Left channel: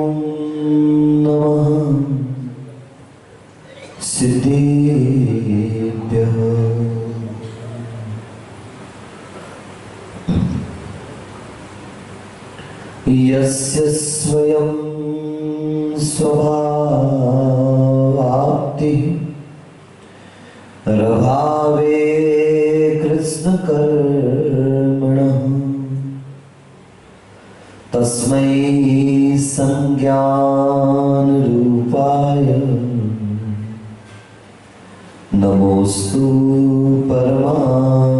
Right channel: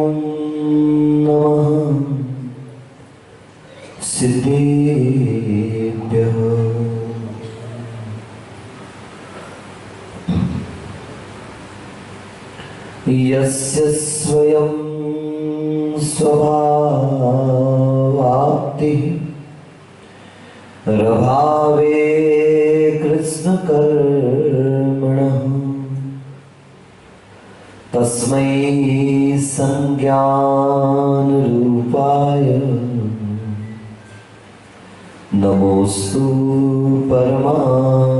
नमः सिद्धेभ्यः। यस्य स्वयं स्वभावाप्तिः रभावे कृष्णकर्मणः तस्मै संज्ञानरूपाय नमोस्तु परमात्मने।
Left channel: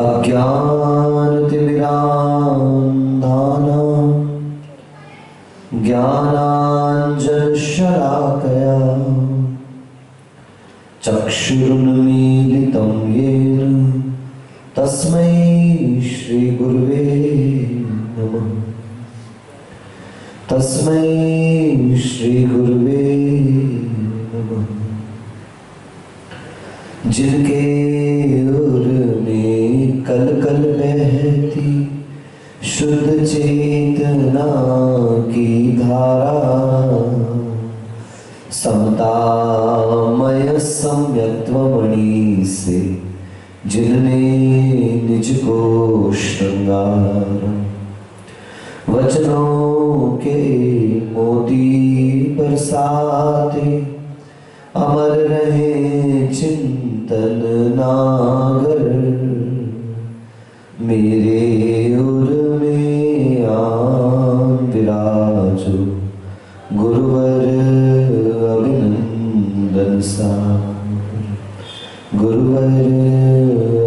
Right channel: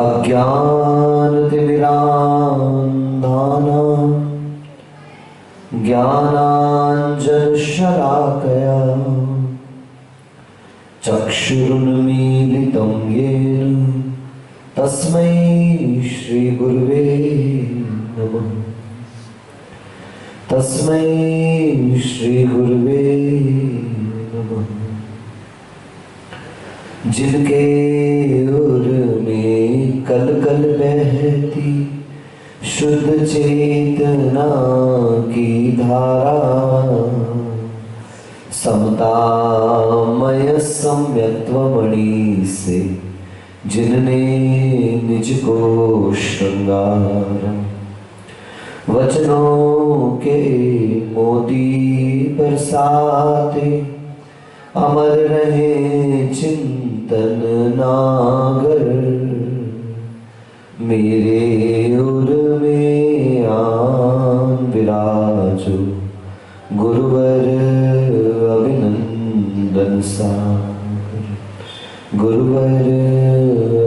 अज्ञानतिमिरान्धानां ज्ञानाञ्जनशलाकया चक्षुरुन्मीलितं येन तस्मै श्री गुरुवे नमः। तस्मै श्री गुरुवे नमः। जिनके उर में कल कल बहती शुद्ध चेतना की धारा समतामय सम्यक्त्वमणि से जिनने निज को श्रृंगारा वचनों के मोती बरसाते अमर रहे चिंतन नागर मेरे उर में आन विराजो गुरुवर अभिनंदन सागर गुरुवर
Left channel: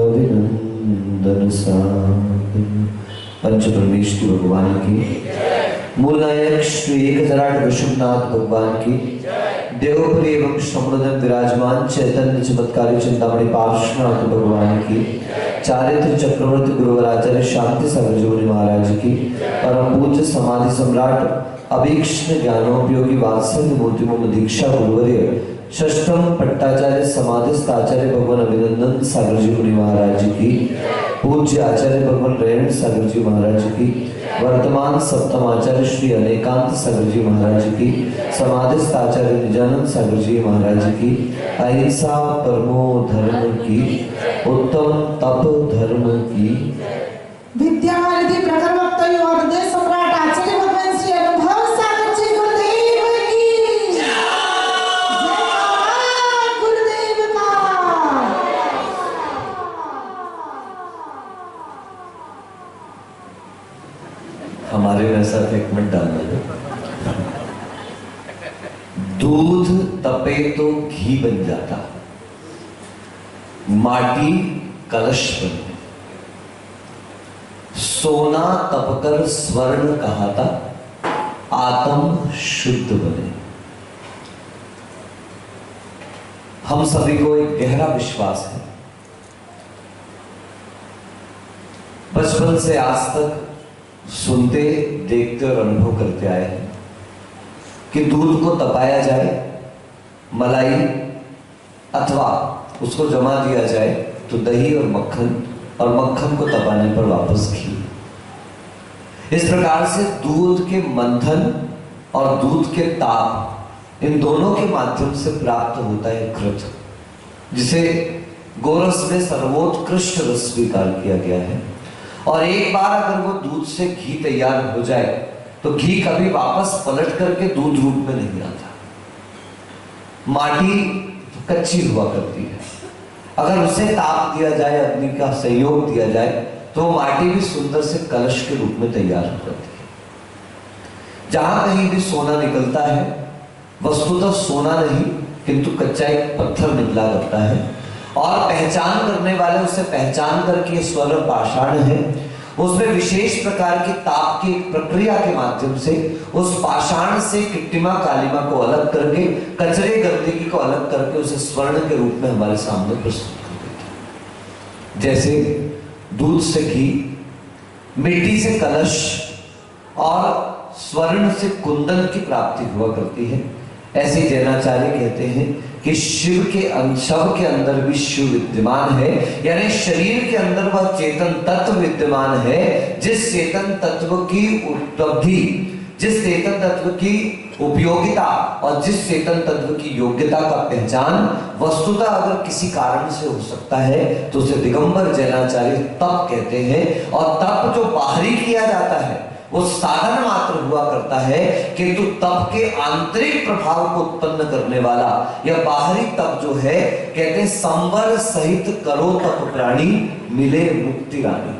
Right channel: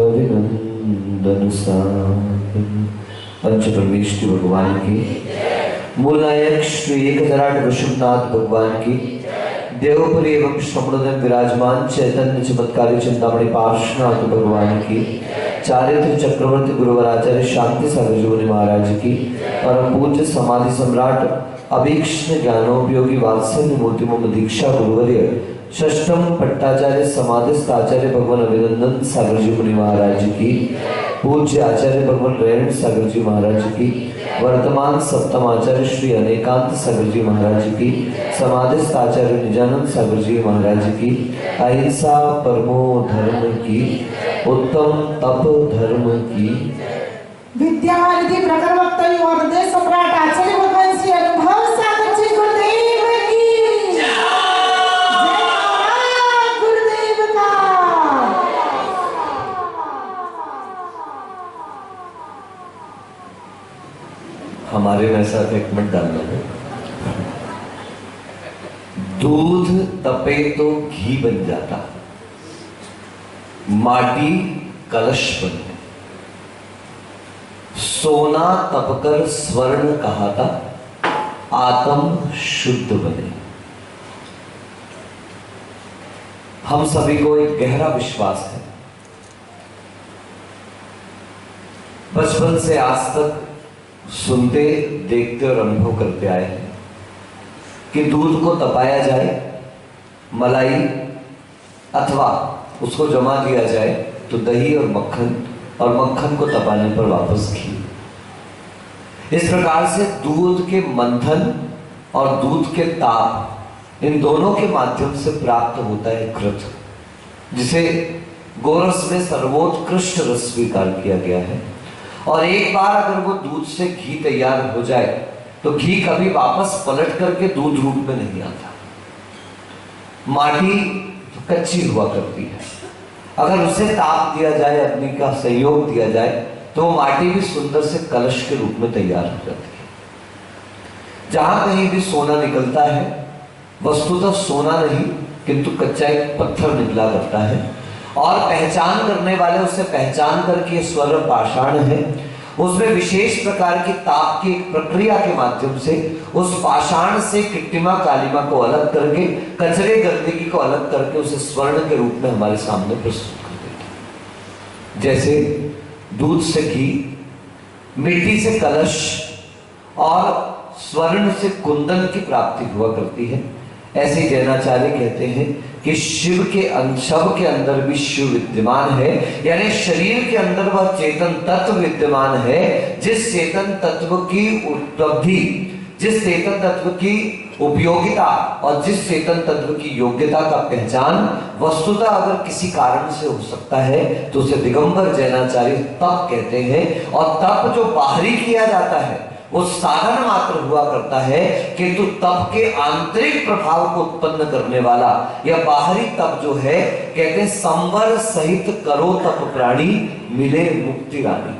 अभिनंदन सागर। पंच परमेश्वर भगवान की, मूल नायक श्री एकतराट वृषभनाथ भगवान की, देवपुरी एवं समृद्धि विराजमान चैतन्य चमत्कारी चिंतामणि पार्श्वनाथ भगवान की, चारित्र चक्रवर्ती गुरुवर आचार्य शांति सागर जी महाराज की, परम पूज्य समाधि सम्राट अभीक्ष्ण ज्ञानोपयोगी वात्सल्य मूर्ति मम दीक्षा गुरुवर्य षष्ठम पट्टाचार्य समाधिस्थ आचार्य भगवान अभिनंदन सागर जी मुनि महाराज की, पूज्य आचार्य भगवान रेण सागर जी महाराज की, वर्तमान सप्तम आचार्य श्री अनेकांत सागर जी महाराज की, समाधिस्थ आचार्य निजानंद सागर जी महाराज की, अहिंसा परमो धर्म की, उत्तम तप धर्म की, विद्यावारिधि प्रखर वक्ता और हृदय सम्राट आचार्य भगवान श्री अनुभव सागर जी गुरुदेव की जय। गुरुदेव का हमारे में साथ एक मिनट डालना है। दूध तपे तो घी बन जाता, माटी कलश बने, सोना तपकर स्वर्ण कहाता, आत्म शुद्ध बने। हम सभी को एक गहरा विश्वास है, बचपन से आज तक सुनते देखते और अनुभव करते आए हैं कि दूध को तपाया जाए, मलाई अथवा उसको जमा दिया जाए तो दही और मक्खन को तपाने पर वापस घी। इस प्रकार से दूध के मंथन और दूध के ताप, इन दोनों के माध्यम से प्राप्त होता है घृत, जिसे गोरस में सर्वोत्कृष्ट रस स्वीकार किया गया है। और एक बार अगर वो दूध से घी तैयार हो जाए तो घी कभी वापस पलट करके दूध रूप में नहीं आता। माटी कच्ची हुआ करती है, अगर उसे ताप दिया जाए, अग्नि का सहयोग दिया जाए तो माटी भी सुंदर से कलश के रूप में तैयार हो जाती है। जहां कहीं भी सोना निकलता है, वस्तुतः सोना नहीं किंतु कच्चा एक पत्थर निकला करता है, और पहचान करने वाले उसे पहचान करके ये स्वर्ण पाषाण है, उसमें विशेष प्रकार की ताप की प्रक्रिया के माध्यम से उस पाषाण से किट्टिमा कालिमा को अलग करके, कचरे गंदगी को अलग करके उसे स्वर्ण के रूप में हमारे सामने प्रस्तुत कर देता है। जैसे दूध से घी, मिट्टी से कलश और स्वर्ण से कुंदन की प्राप्ति हुआ करती है, ऐसे ही जैनाचार्य कहते हैं कि शिव के शव के अंदर भी शिव विद्यमान है, यानी शरीर के अंदर वह चेतन तत्व विद्यमान है, जिस चेतन तत्व की उपलब्धि, जिस चेतन तत्व की उपयोगिता और जिस चेतन तत्व की योग्यता का पहचान वस्तुतः अगर किसी कारण से हो सकता है तो उसे दिगंबर जैनाचार्य तप कहते हैं। और तप जो बाहरी किया जाता है वो साधन मात्र हुआ करता है, किंतु तप के आंतरिक प्रभाव को उत्पन्न करने वाला यह बाहरी तप जो है, कहते हैं संवर सहित करो तप प्राणी मिले मुक्ति रानी।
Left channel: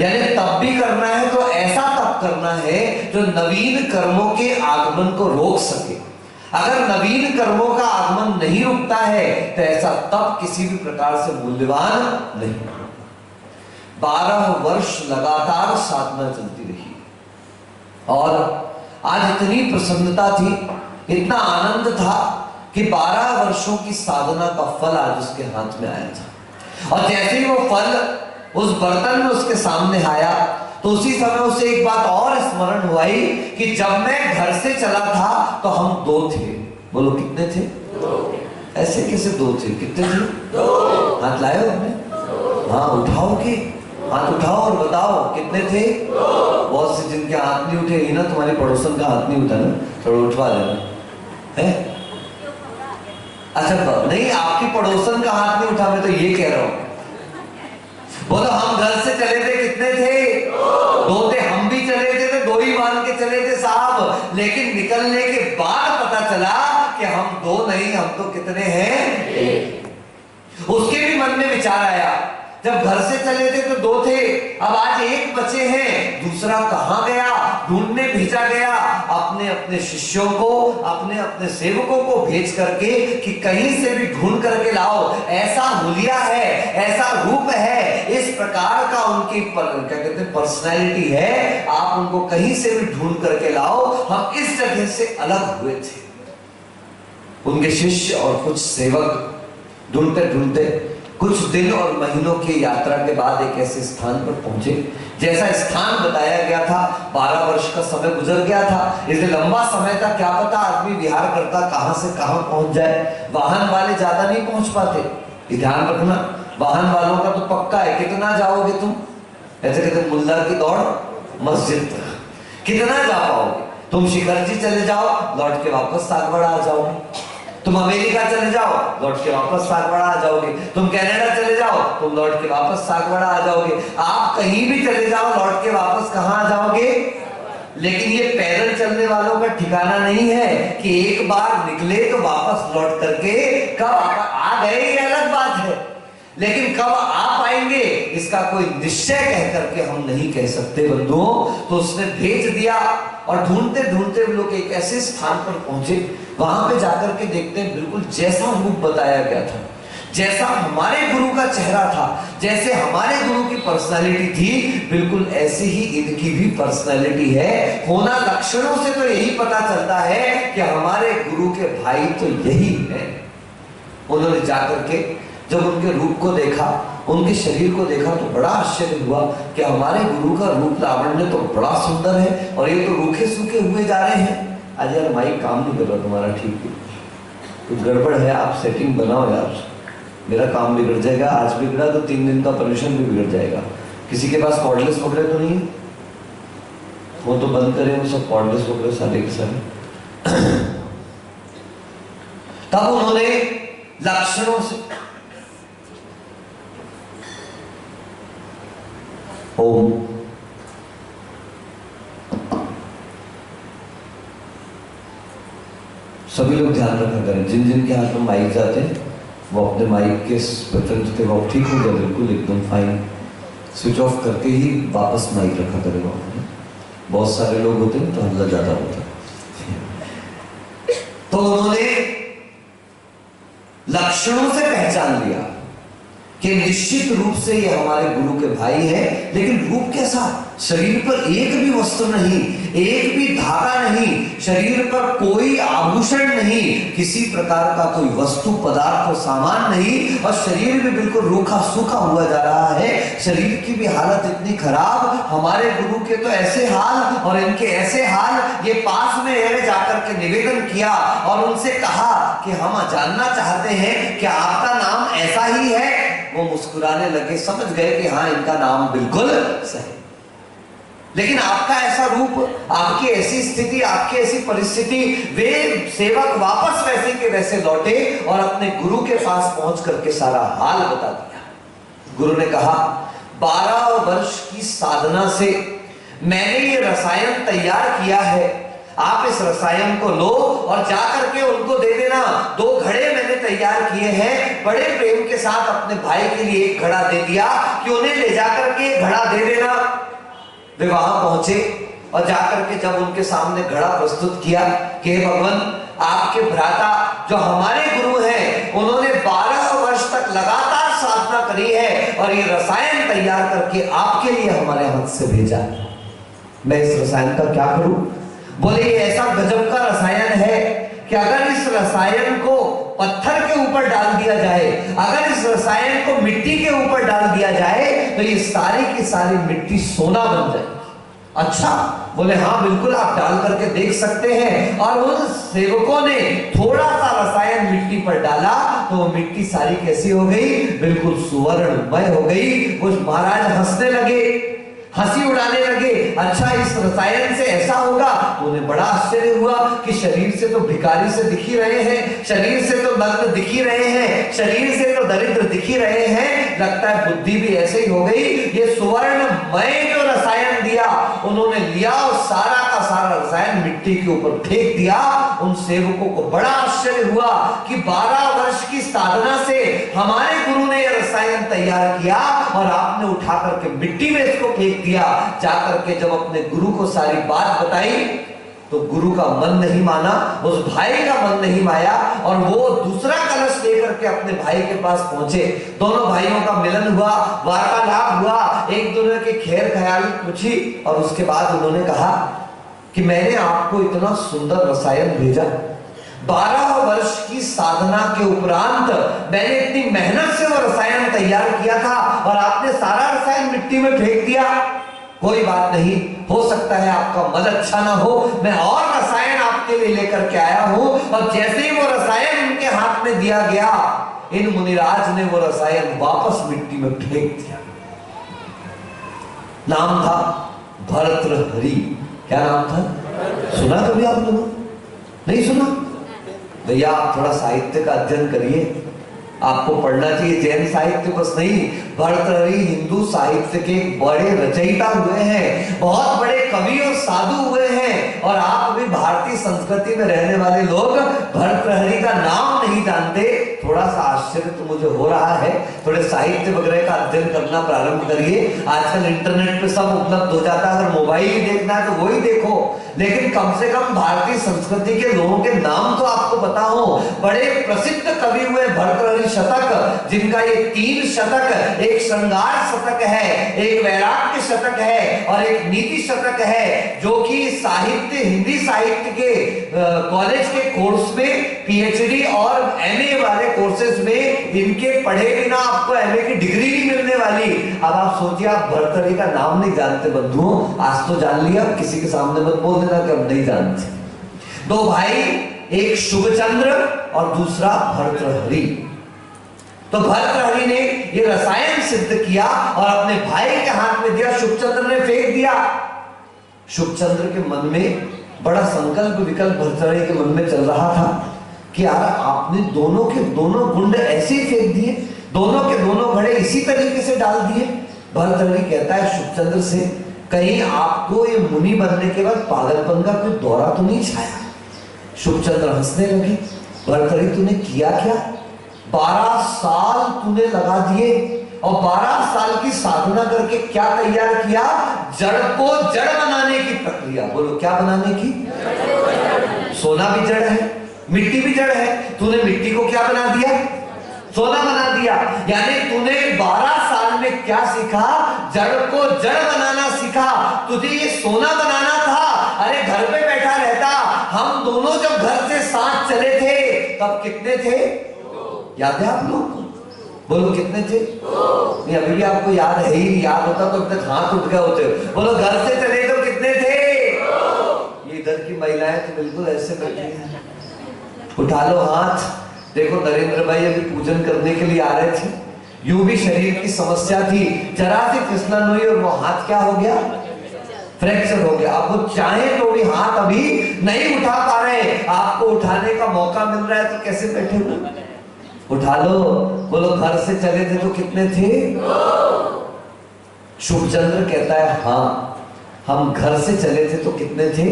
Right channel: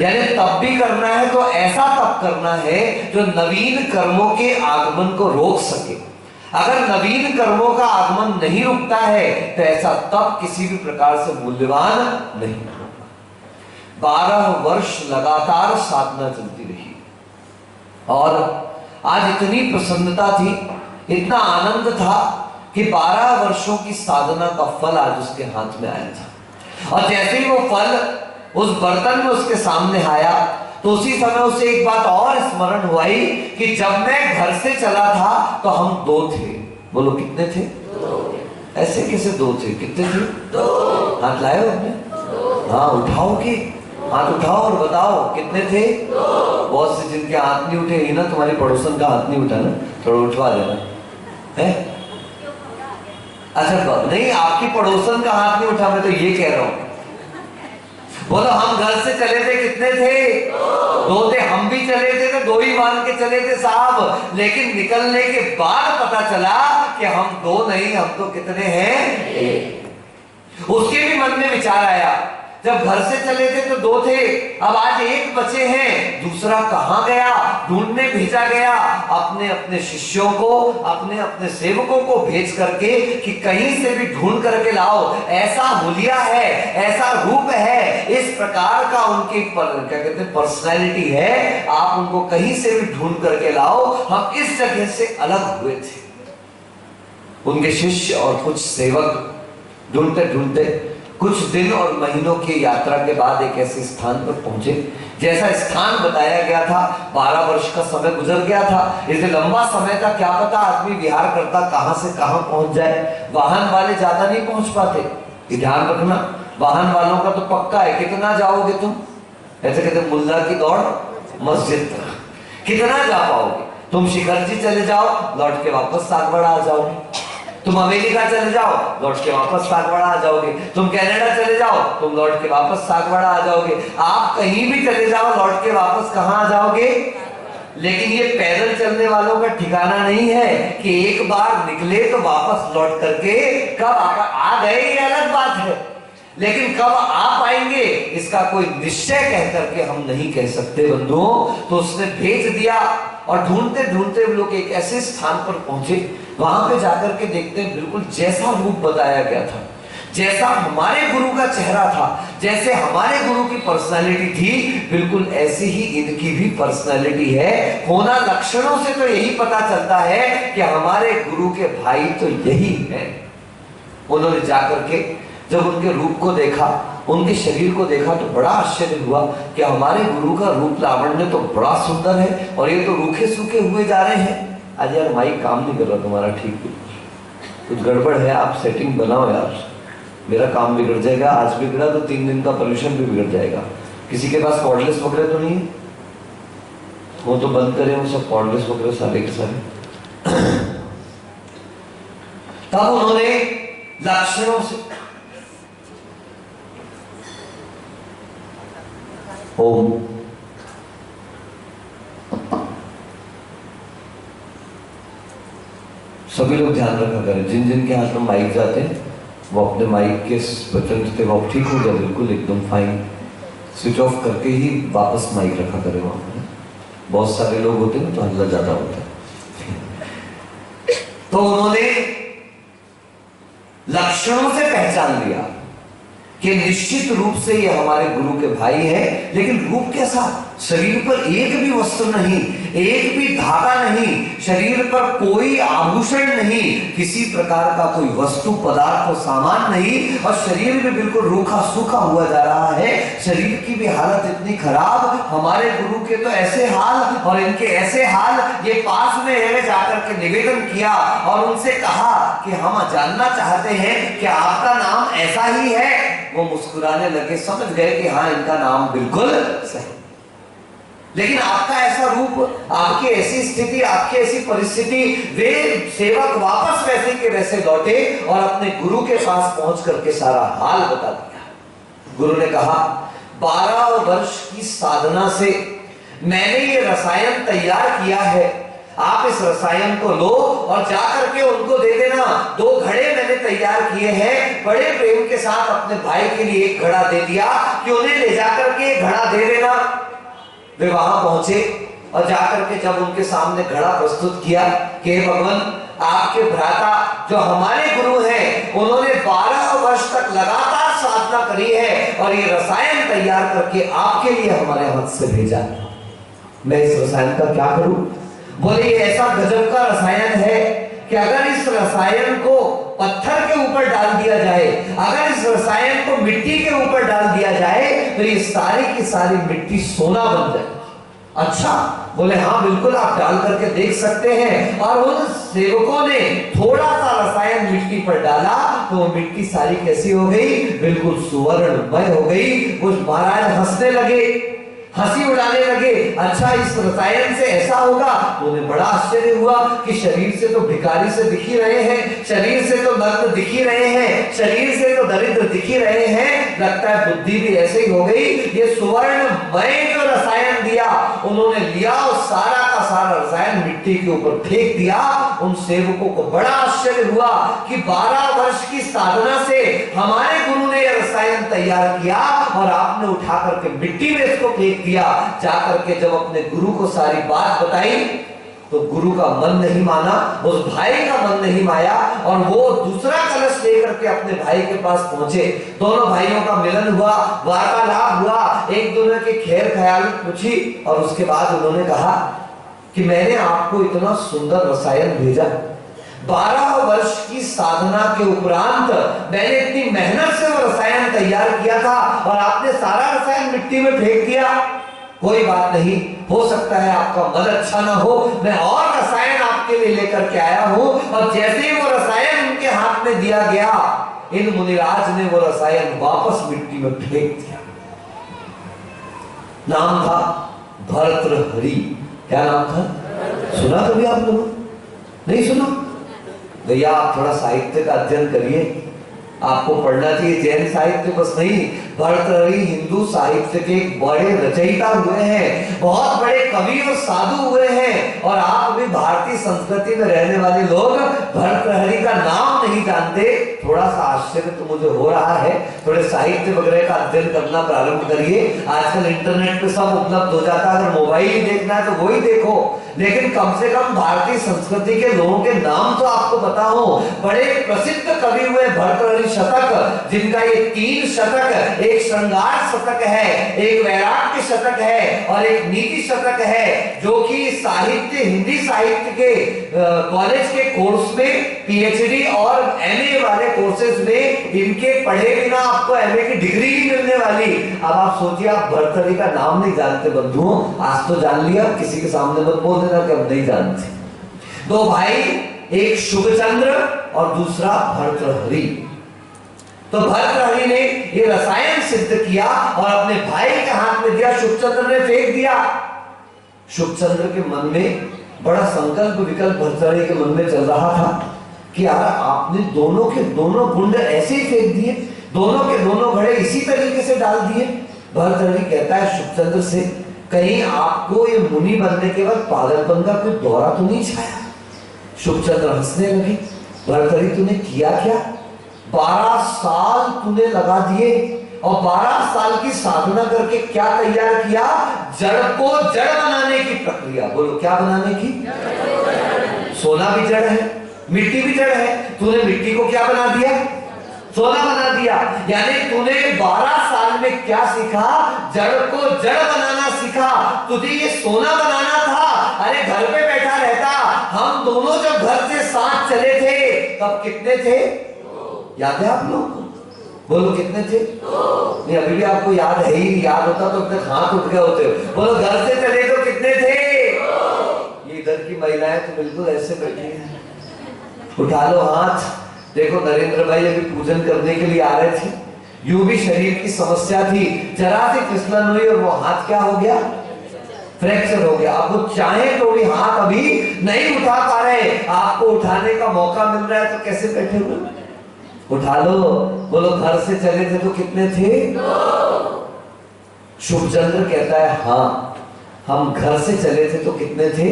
यानी तप भी करना है तो ऐसा तप करना है जो नवीन कर्मों के आगमन को रोक सके। अगर नवीन कर्मों का आगमन नहीं रुकता है तो ऐसा तप किसी भी प्रकार से मूल्यवान नहीं। 12 वर्ष लगातार साधना चलती रही और आज इतनी प्रसन्नता थी, इतना आनंद था कि 12 वर्षों की साधना का फल आज उसके हाथ में आया था। और जैसे ही वो फल उस बर्तन में उसके सामने आया तो उसी समय उसे एक बात और स्मरण हुई कि जब मैं घर से चला था तो हम 2 थे। बोलो कितने थे? 2। ऐसे कैसे 2 थे? कितने थे? 2। हाथ लाए हो अपने? हाँ उठाओ कि हाथ उठाओ और बताओ कितने थे? 2। बहुत से जिनके हाथ नहीं उठे ना, तुम्हारे पड़ोसन का हाथ नहीं उठा ना, थोड़ा उठवा देना है। अच्छा नहीं, आपकी पड़ोसन का हाथ नहीं उठा, मैं तो ये कह रहा हूं। बोलो हम घर से चले थे, कितने थे? 2 थे। हम भी चले थे तो 2 ही मान के चले थे साहब, लेकिन निकलने के बाद पता चला कि हम 2 नहीं, हम तो कितने हैं? उसके भी मन में विचार आया, जब घर से चले थे तो 2 थे, अब आज 1 बचे हैं, दूसरा कहां गया? ढूंढने भेजा गया अपने अपने शिष्यों को, अपने अपने सेवकों को भेज करके कि कहीं से भी ढूंढ करके लाओ, ऐसा हुलिया है, ऐसा रूप है, इस प्रकार का उनकी क्या कहते हैं पर्सनैलिटी है, आप उनको कहीं से भी ढूंढ करके लाओ, हम इस जगह से अलग हुए थे। उनके शिष्य और कुछ सेवक ढूंढते ढूंढते कुछ दिन और महीनों की यात्रा के बाद एक ऐसे स्थान पर पहुंचे जैसा स्थान बताया गया था। 12 वर्ष का समय गुजर गया था, इसलिए लंबा समय था, क्या पता आदमी विहार करता कहां से कहां पहुंच जाए। वाहन वाले ज्यादा नहीं पहुंच पाते, ध्यान रखना, वाहन वालों का तो पक्का है। कितना जाओगे तुम? ऐसे कहते मुल्ला की दौड़ मस्जिद तक, कितना जा पाओगे तुम? शिखर जी चले जाओ, लौट के वापस सागवाड़ा आ जाओगे। तुम अमेरिका चले जाओ, लौट के वापस सागवाड़ा आ जाओगे। तुम कनाडा चले जाओ, तुम लौट के वापस सागवाड़ा आ जाओगे। आप कहीं भी चले जाओ, लौट के वापस कहां आ जाओगे? लेकिन ये पैदल चलने वालों का ठिकाना नहीं है कि एक बार निकले तो वापस लौट करके कब आ गए, ये अलग बात है, लेकिन कब आ पाएंगे इसका कोई निश्चय कह करके हम नहीं कह सकते बंधुओं। तो उसने भेज दिया और ढूंढते ढूंढते लोग एक ऐसे स्थान पर पहुंचे, वहां पे जाकर के देखते हैं बिल्कुल जैसा रूप बताया गया था, जैसा हमारे गुरु का चेहरा था, जैसे हमारे गुरु की पर्सनालिटी थी, बिल्कुल ऐसी ही इनकी भी पर्सनालिटी है। होना लक्षणों से तो यही पता चलता है कि हमारे गुरु के भाई तो यही है। उन्होंने जाकर के जब उनके रूप को देखा, उनके शरीर को देखा तो बड़ा आश्चर्य हुआ कि हमारे गुरु का रूप लावण्य तो बड़ा सुंदर है और ये तो रूखे सूखे हुए जा रहे हैं। आज यार माइक काम नहीं कर रहा तुम्हारा, ठीक है कुछ गड़बड़ है, आप सेटिंग बनाओ यार, मेरा काम बिगड़ जाएगा। आज बिगड़ा तो 3 दिन का पोल्यूशन भी बिगड़ जाएगा। किसी के पास कॉर्डलेस पकड़े तो नहीं है? वो तो बंद करें, वो सब कॉर्डलेस पकड़े सारे के सारे। तब उन्होंने लक्षणों से ओम सभी लोग ध्यान रखा करें, जिन जिन के हाथ में माइक जाते हैं वो अपने माइक के बटन थे वो ठीक हो जाए, बिल्कुल एकदम फाइन, स्विच ऑफ करके ही वापस माइक रखा करें वहां। बहुत सारे लोग होते हैं तो हल्ला ज्यादा होता है। तो उन्होंने लक्षणों से पहचान लिया कि निश्चित रूप से ये हमारे गुरु के भाई है, लेकिन रूप कैसा? शरीर पर एक भी वस्त्र नहीं, एक भी धागा नहीं, शरीर पर कोई आभूषण नहीं, किसी प्रकार का कोई वस्तु पदार्थ और सामान नहीं, और शरीर भी बिल्कुल रूखा सूखा हुआ जा रहा है। शरीर की भी हालत इतनी खराब, हमारे गुरु के तो ऐसे हाल और इनके ऐसे हाल। ये पास में है, जाकर के निवेदन किया और उनसे कहा कि हम जानना चाहते हैं कि आपका नाम ऐसा ही है। वो मुस्कुराने लगे, समझ गए कि हाँ, इनका नाम बिल्कुल सही। लेकिन आपका ऐसा रूप, आपकी ऐसी स्थिति, आपकी ऐसी परिस्थिति, वे सेवक वापस वैसे के वैसे लौटे और अपने गुरु के पास पहुंच करके सारा हाल बता दिया। गुरु ने कहा, 12 वर्ष की साधना से मैंने ये रसायन तैयार किया है, आप इस रसायन को लो और जाकर के उनको दे देना। 2 घड़े मैंने तैयार किए हैं, बड़े प्रेम के साथ अपने भाई के लिए एक घड़ा दे दिया कि उन्हें ले जाकर के घड़ा दे देना। वे वहां पहुंचे और जाकर के जब उनके सामने घड़ा प्रस्तुत किया कि भगवान, आपके भ्राता जो हमारे गुरु हैं, उन्होंने 12 वर्ष तक लगातार साधना करी है और ये रसायन तैयार करके आपके लिए हमारे हाथ से भेजा। मैं इस रसायन का क्या करूं? बोले, ये ऐसा गजब का रसायन है कि अगर इस रसायन को पत्थर के ऊपर डाल दिया जाए, अगर इस रसायन को मिट्टी के ऊपर डाल दिया जाए, तो ये सारी की सारी मिट्टी सोना बन जाए। अच्छा, बोले हाँ बिल्कुल, आप डाल करके देख सकते हैं। और उन सेवकों ने थोड़ा सा रसायन मिट्टी पर डाला तो वो मिट्टी सारी कैसी हो गई? बिल्कुल सुवर्णमय हो गई। उस महाराज हंसने लगे, हंसी उड़ाने लगे। अच्छा, इस रसायन से ऐसा होगा? तो उन्हें बड़ा आश्चर्य हुआ कि शरीर से तो भिखारी से दिख ही रहे हैं, शरीर से तो नग्न दिख ही रहे हैं, शरीर से तो दरिद्र दिख ही रहे हैं, लगता है बुद्धि भी ऐसे ही हो गई। ये सुवर्णमय जो रसायन दिया, उन्होंने लिया और सारा का सारा रसायन मिट्टी के ऊपर फेंक दिया। उन सेवकों को बड़ा आश्चर्य हुआ कि 12 वर्ष की साधना से हमारे गुरु ने यह रसायन तैयार किया और आपने उठा करके मिट्टी में इसको फेंक दिया। जाकर के जब अपने गुरु को सारी बात बताई तो गुरु का मन नहीं माना, उस भाई का मन नहीं माया और वो दूसरा कलश लेकर के अपने भाई के पास पहुंचे। दोनों भाइयों का मिलन हुआ, वार्तालाप हुआ, एक दूसरे की खैर ख्याल पूछी और उसके बाद उन्होंने कहा कि मैंने आपको इतना सुंदर रसायन भेजा, 12 वर्ष की साधना के उपरांत मैंने इतनी मेहनत से वो रसायन तैयार किया था और आपने सारा रसायन मिट्टी में फेंक दिया। कोई बात नहीं, हो सकता है आपका मन अच्छा ना हो, मैं और रसायन आपके लिए लेकर के आया हूं। और जैसे ही वो रसायन उनके हाथ में दिया गया, इन मुनिराज ने वो रसायन वापस मिट्टी में फेंक दिया। नाम था भर्तृहरि। क्या नाम था? सुना कभी आप लोगों? नहीं सुना? भैया आप थोड़ा साहित्य का अध्ययन करिए, आपको पढ़ना चाहिए। जैन साहित्य बस नहीं, भर्तृहरि हिंदू साहित्य के बड़े रचयिता हुए हैं, बहुत बड़े कवि और साधु हुए हैं। और आप भी भारतीय संस्कृति में रहने वाले लोग भर्तृहरि का नाम नहीं जानते, थोड़ा सा आश्चर्य तो मुझे हो रहा है। थोड़े साहित्य वगैरह का अध्ययन करना प्रारंभ करिए। आजकल इंटरनेट पे सब उपलब्ध हो जाता है, अगर मोबाइल ही देखना है तो वही देखो, लेकिन कम से कम भारतीय संस्कृति के लोगों के नाम तो आपको पता हो। बड़े प्रसिद्ध कवि हुए भर्तृहरि शतक, जिनका ये 3 शतक, एक श्रृंगार शतक है, एक वैराग्य शतक है और एक नीति शतक है, जो कि साहित्य, हिंदी साहित्य के कॉलेज के कोर्स में पीएचडी और एमए वाले कोर्सेज में इनके पढ़े बिना आपको एमए की डिग्री नहीं मिलने वाली। अब आप सोचिए, आप भर्तृहरि का नाम नहीं जानते बंधुओं, आज तो जान लिया, किसी के सामने मत बोल देना कि हम नहीं जानते। 2 भाई, एक शुभचंद्र और दूसरा भर्तृहरि। तो भर्तृहरि ने ये रसायन सिद्ध किया और अपने भाई के हाथ में दिया, शुभचंद्र ने फेंक दिया। शुभचंद्र के मन में बड़ा संकल्प विकल्प भर्तृहरि के मन में चल रहा था कि यार आपने दोनों के दोनों गुंड ऐसे ही फेंक दिए, दोनों के दोनों घड़े इसी तरीके से डाल दिए। भर्तृहरि कहता है शुभचंद्र से, कहीं आपको ये मुनि बनने के बाद पागलपन का कोई दौरा तो नहीं छाया? शुभचंद्र हंसने लगे, भर्तृहरि तूने किया क्या? 12 साल तूने लगा दिए और 12 साल की साधना करके क्या तैयार किया? जड़ को जड़ बनाने की प्रक्रिया। बोलो क्या बनाने की? सोना भी जड़ है, मिट्टी भी जड़ है, तूने मिट्टी को क्या बना दिया? सोना बना दिया। यानी तूने 12 साल में क्या सीखा? जड़ को जड़ बनाना सीखा। तुझे ये सोना बनाना था। अरे घर पे बैठा रहता। हम दोनों जब घर से साथ चले थे तब कितने थे? याद है आप लोग? बोलो कितने थे? नहीं, अभी भी आपको याद है ही? याद होता तो अब तक हाथ उठ गए होते। बोलो घर से चले तो कितने थे? ये इधर की महिलाएं तो बिल्कुल ऐसे बैठी हैं। उठा लो हाथ। देखो नरेंद्र भाई अभी पूजन करने के लिए आ रहे थे। यूं भी शरीर की समस्या थी, जरा सी फिसलन हुई और वो हाथ क्या हो गया? फ्रैक्चर हो गया। अब वो चाहे तो भी हाथ अभी नहीं उठा पा रहे। आपको उठाने का मौका मिल रहा है तो कैसे बैठे हुए? उठा लो। बोलो घर से चले थे तो कितने थे? शुभचंद्र कहता है हाँ, हम घर से चले थे तो कितने थे?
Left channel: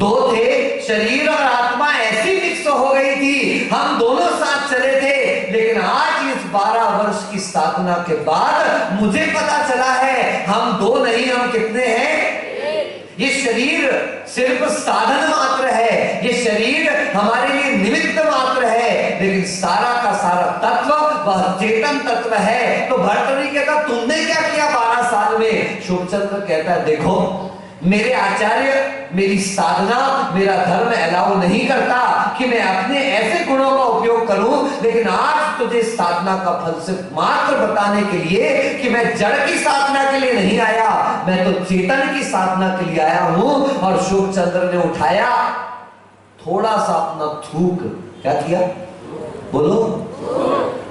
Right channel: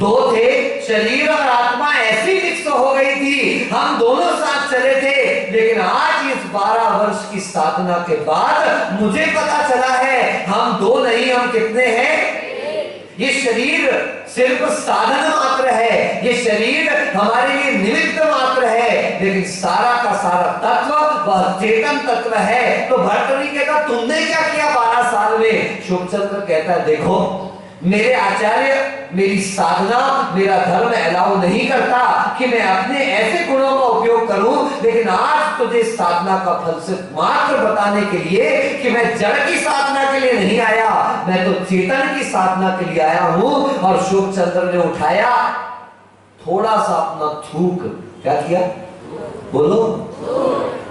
2 थे। शरीर और आत्मा ऐसी मिक्स हो गई थी, हम दोनों साथ चले थे। लेकिन आज इस 12 वर्ष की साधना के बाद मुझे पता चला है हम 2 नहीं, हम कितने हैं? ये शरीर सिर्फ साधन मात्र है, ये शरीर हमारे लिए निमित्त मात्र है, लेकिन सारा का सारा तत्व वह चेतन तत्व है। तो भर्तृहरि कहता तुमने क्या किया 12 साल में? शुभचंद्र कहता है देखो, मेरे आचार्य, मेरी साधना, मेरा धर्म अलाउ नहीं करता कि मैं अपने ऐसे गुणों का उपयोग करूं, लेकिन आज तुझे साधना का फल सिर्फ मात्र बताने के लिए कि मैं जड़ की साधना के लिए नहीं आया, मैं तो चेतन की साधना के लिए आया हूं। और शुभचंद्र ने उठाया थोड़ा सा अपना थूक, क्या किया? बोलो,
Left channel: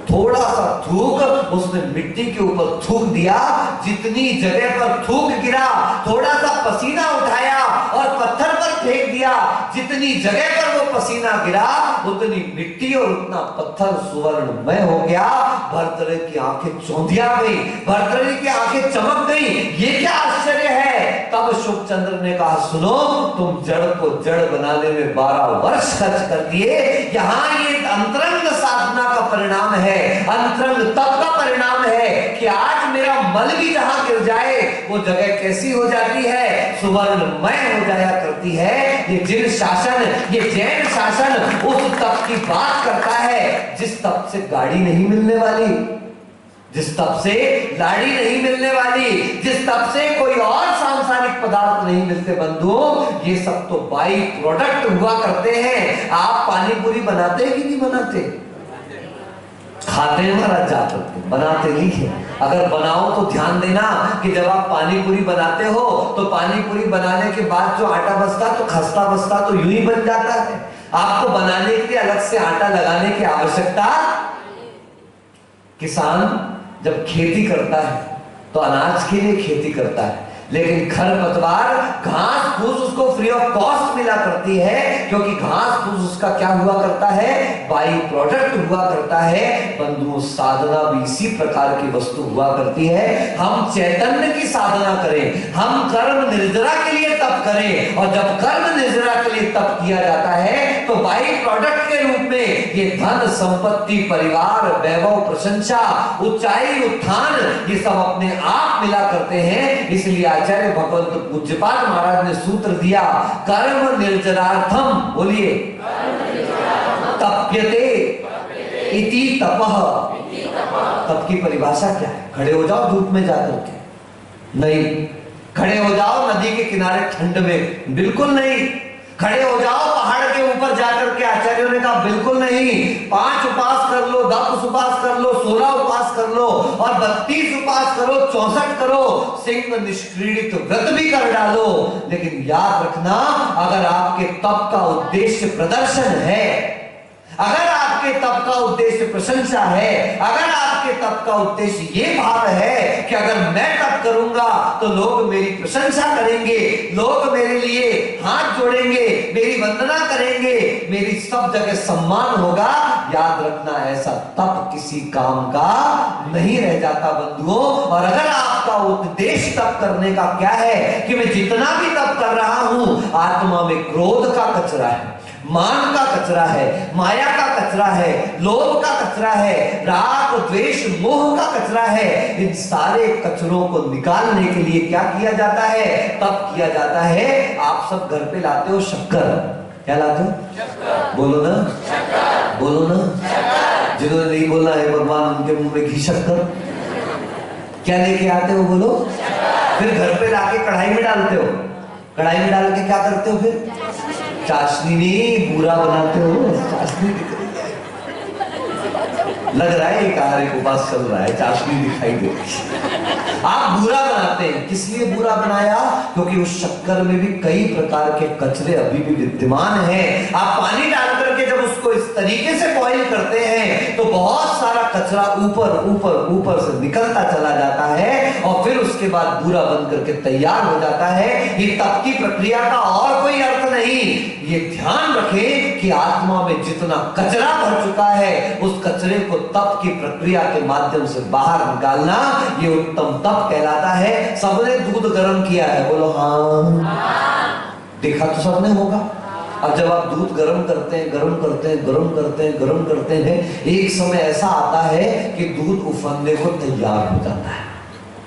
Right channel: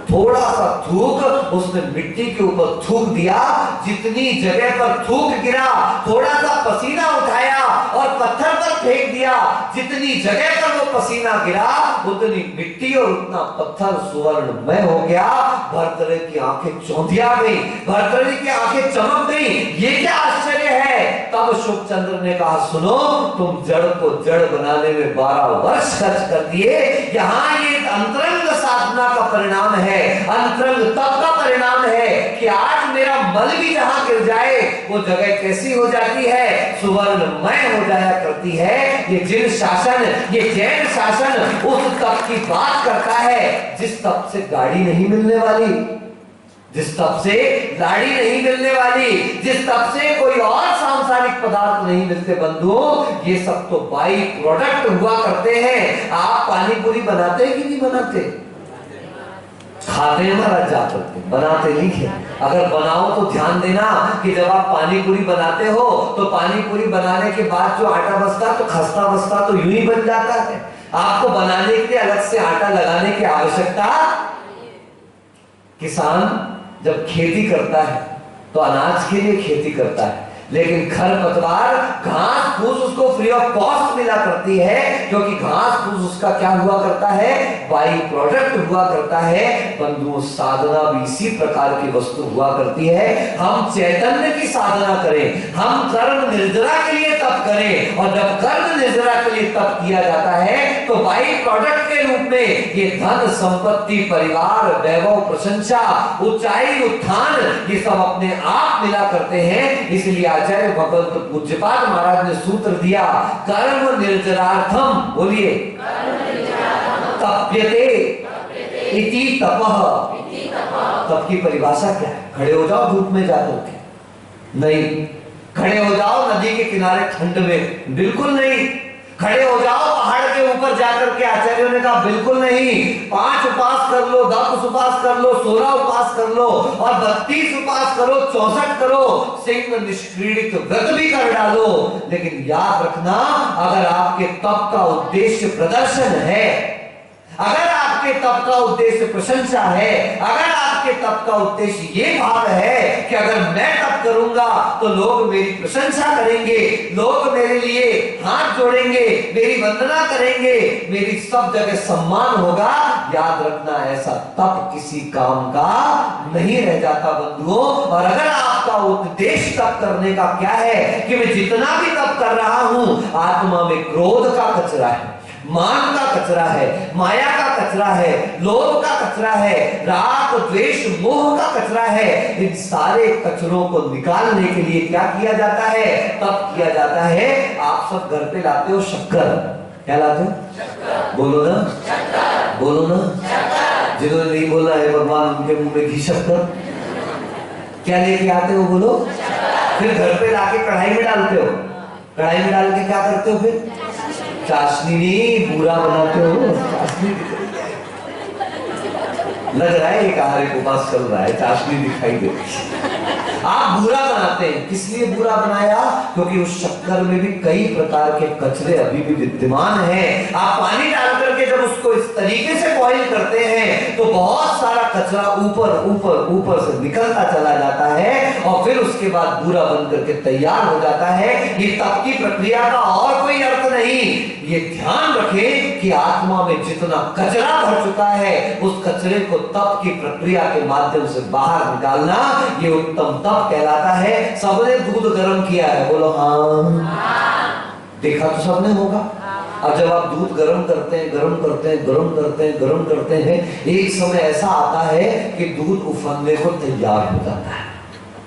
थोड़ा सा थूक उसने मिट्टी के ऊपर थूक दिया। जितनी जगह पर थूक गिरा, थोड़ा सा पसीना उठाया और पत्थर पर फेंक दिया। जितनी जगह पर वो पसीना गिरा उतनी मिट्टी और उतना पत्थर सुवर्णमय हो गया। भर्तृहरि की आंखें चौंधिया गई, भर्तृहरि की आंखें चमक गई। ये क्या आश्चर्य है? तब शुभचंद्र ने कहा सुनो, तुम जड़ को जड़ बनाने में 12 वर्ष खर्च कर दिए। यहाँ ये अंतरंग साधना का परिणाम है, अंतरंग तप का परिणाम है कि आज मेरा मल भी जहां गिर जाए वो जगह कैसी हो जाती है? सुवर्णमय हो जाया करती है। ये जिन शासन, ये जैन शासन उस तप की बात करता है जिस तप से गाड़ी नहीं मिलने वाली, जिस तप से लाड़ी नहीं मिलने वाली, जिस तप से कोई और सांसारिक पदार्थ नहीं मिलते। बंधुओं, ये सब तो बाई प्रोडक्ट हुआ करते हैं। आप पानी पूरी बनाते हैं कि नहीं बनाते? खाते हैं महाराज जा करके, बनाते नहीं है। अगर बनाओ तो ध्यान देना कि जब आप पानी पूरी बनाते हो तो पानी पूरी बनाने के बाद जो आटा बचता तो खस्ता बचता तो यूं ही बन जाता है। आपको बनाने के लिए अलग से आटा लगाने की आवश्यकता। किसान जब खेती करता है तो अनाज के लिए खेती करता है, लेकिन खरपतवार, घास फूस उसको फ्री ऑफ कॉस्ट मिला करती है, क्योंकि घास फूस उसका क्या हुआ करता है? बाई प्रोडक्ट हुआ करता है। बंधुओं, साधना भी इसी प्रकार की वस्तु हुआ करती है। हम चैतन्य की साधना करें, हम कर्म निर्जरा के लिए तप करें, और जब कर्म निर्जरा के लिए तप किया जाता है तो बाई प्रोडक्ट के रूप में ये धन संपत्ति, परिवार, वैभव, प्रशंसा, ऊंचाई, उत्थान, ये सब अपने आप मिला करते हैं। इसलिए आचार्य भगवत पूज्यपाद महाराज ने सूत्र दिया, कर्म निर्जरार्थम, बोलिए, तप्यते इति तपः। तप की परिभाषा क्या है? खड़े हो जाओ धूप में जाकर के, नहीं। खड़े हो जाओ नदी के किनारे ठंड में, बिल्कुल नहीं। खड़े हो जाओ पहाड़ के ऊपर जाकर के, आचार्यों ने कहा बिल्कुल नहीं। 5 उपास कर लो, 10 उपास कर लो, 16 उपास कर लो, और 32 उपास करो, 64 करो, सिंह निष्क्रीडित व्रत भी कर डालो। लेकिन याद रखना, अगर आपके तप का उद्देश्य प्रदर्शन है, अगर आपके तप का उद्देश्य प्रशंसा है, अगर आपके तप का उद्देश्य ये भाव है कि अगर मैं तप करूंगा तो लोग मेरी प्रशंसा करेंगे, लोग मेरे लिए हाथ जोड़ेंगे, मेरी वंदना करेंगे, मेरी सब जगह सम्मान होगा, याद रखना ऐसा तप किसी काम का नहीं रह जाता बंधुओं। और अगर आपका उद्देश्य तप करने का क्या है कि मैं जितना भी तप कर रहा हूं, आत्मा में क्रोध का कचरा है, मान का कचरा है, माया का कचरा है, लोभ का कचरा है, राग द्वेष मोह का कचरा है, इन सारे कचरों को निकालने के लिए क्या किया जाता है? तप किया जाता है। आप सब घर पे लाते हो शक्कर, क्या लाते हो? बोलो ना, बोलो ना। जिन्होंने नहीं बोला है भगवान उनके मुंह में घी शक्कर, क्या लेके आते हो बोलो? फिर घर पे लाके कढ़ाई में डालते हो, कढ़ाई में डाल के क्या करते हो? फिर चाशनी नहीं, बूरा बनाते हो। चाशनी लग रहा है एक आहार के पास चल रहा है, चाशनी दिखाई दे आप बुरा बनाते हैं। किस लिए बुरा बनाया? क्योंकि उस शक्कर में भी कई प्रकार के कचरे अभी भी विद्यमान हैं। आप पानी डाल करके जब उसको इस तरीके से बॉईल करते हैं तो बहुत सारा कचरा ऊपर ऊपर ऊपर से निकलता चला जाता है और फिर उसके बाद बुरा बन करके तैयार हो जाता है। ये तप की प्रक्रिया का और कोई अर्थ नहीं। ये ध्यान रखें कि आत्मा में जितना कचरा भर चुका है उस कचरे को तप की प्रक्रिया के माध्यम से बाहर निकालना, ये उत्तम तप कहलाता है। सबने दूध गर्म किया है, बोलो हाँ। देखा तो सबने होगा। अब जब आप दूध गर्म करते हैं, गर्म करते हैं, गर्म करते हैं, गर्म करते हैं, एक समय ऐसा आता है कि दूध उफनने को तैयार हो जाता है,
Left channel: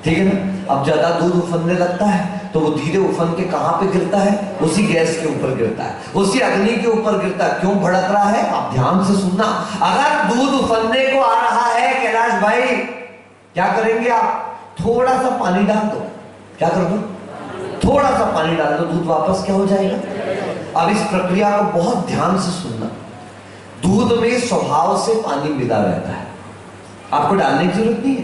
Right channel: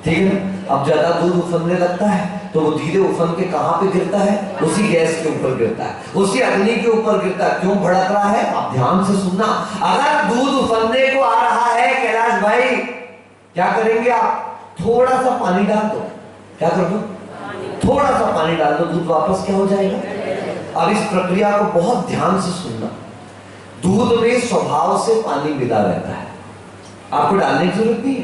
ठीक है ना? अब ज्यादा दूध उफनने लगता है तो वो धीरे उफन के कहां पे गिरता है? उसी गैस के ऊपर गिरता है, उसी अग्नि के ऊपर गिरता है। क्यों भड़क रहा है? आप ध्यान से सुनना। अगर दूध उफनने को आ रहा है कैलाश भाई, क्या करेंगे आप? थोड़ा सा पानी डाल दो। क्या कर दो? थोड़ा सा पानी डाल दो, दूध वापस क्या हो जाएगा? अब इस प्रक्रिया को बहुत ध्यान से सुनना। दूध में स्वभाव से पानी मिला रहता है, आपको डालने की जरूरत नहीं है।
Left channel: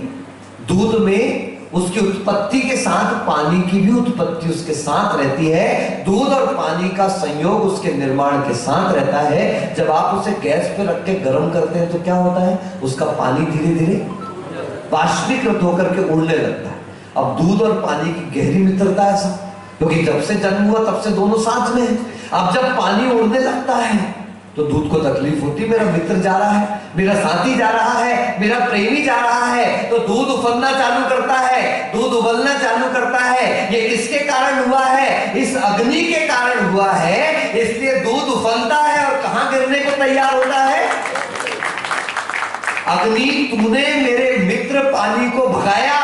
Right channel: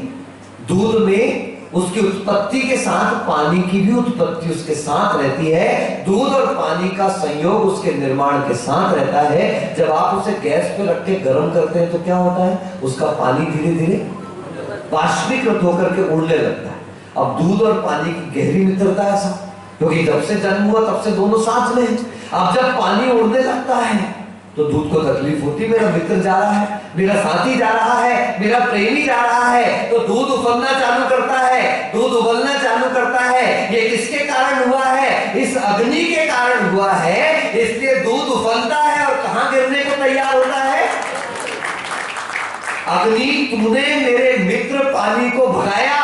दूध में उसकी उत्पत्ति के साथ पानी की भी उत्पत्ति उसके साथ रहती है। दूध और पानी का संयोग उसके निर्माण के साथ रहता है। जब आप उसे गैस पे रख के गर्म करते हैं तो क्या होता है? उसका पानी धीरे धीरे वाष्पीकृत होकर के उड़ने लगता है। अब दूध और पानी की गहरी मित्रता है ऐसा, क्योंकि जब से जन्म हुआ तब से दोनों साथ में हैं। अब जब पानी उड़ने लगता है तो दूध को तकलीफ होती, मेरा मित्र जा रहा है, मेरा साथी जा रहा है, मेरा प्रेमी जा रहा है, तो दूध उफनना चालू करता है, दूध उबलना चालू करता है। ये किसके कारण हुआ है? इस अग्नि के कारण हुआ है। इसलिए दूध उफनता है और कहां गिरने को तैयार होता है? अग्नि, तूने मेरे मित्र पानी को भगाया,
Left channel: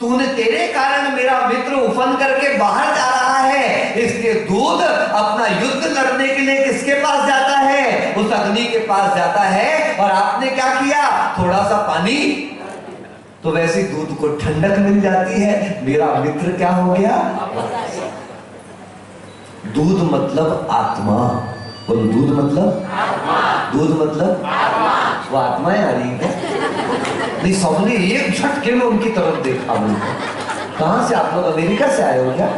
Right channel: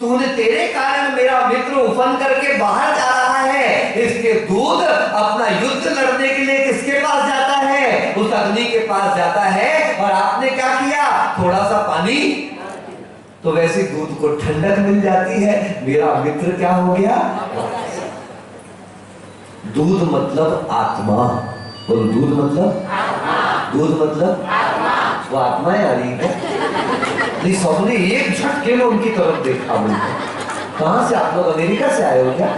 तूने, तेरे कारण मेरा मित्र उफन करके बाहर जा रहा है। इसलिए दूध अपना युद्ध लड़ने के लिए किसके पास जाता है? उस अग्नि के पास जाता है। और आपने क्या किया? थोड़ा सा पानी, तो वैसे दूध को ठंडक मिल जाती है, मेरा मित्र क्या हो गया? दूध मतलब आत्मा। बोलो, दूध मतलब आत्मा। दूध मतलब आत्मा। वो आत्मा आ रही है नहीं, सबने एक झटके में उनकी तरफ देखा। कहां से आप लोग? अमेरिका से आए हो क्या?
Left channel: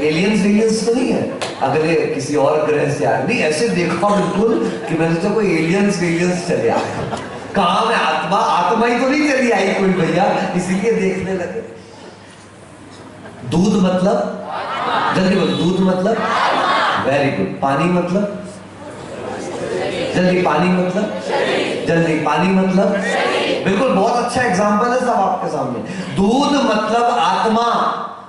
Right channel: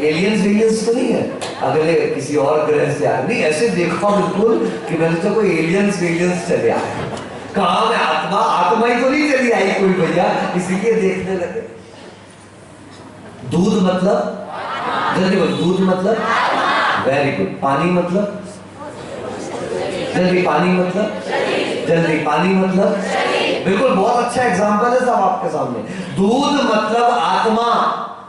एलियंस तो नहीं है, अगले किसी और ग्रह से आए? नहीं, ऐसे देखा बिल्कुल कि मैंने तो कोई एलियंस चले आए। कहां में आत्मा? आत्मा ही तो नहीं चली आई कोई भैया, इसीलिए देखने लगे। दूध मतलब, जल्दी बोलो, दूध मतलब, वेरी गुड। पानी मतलब, जल्दी, पानी मतलब, जल्दी, पानी मतलब, बिल्कुल, बहुत अच्छा एग्जांपल है सब आपके सामने। दूध मतलब आत्मा,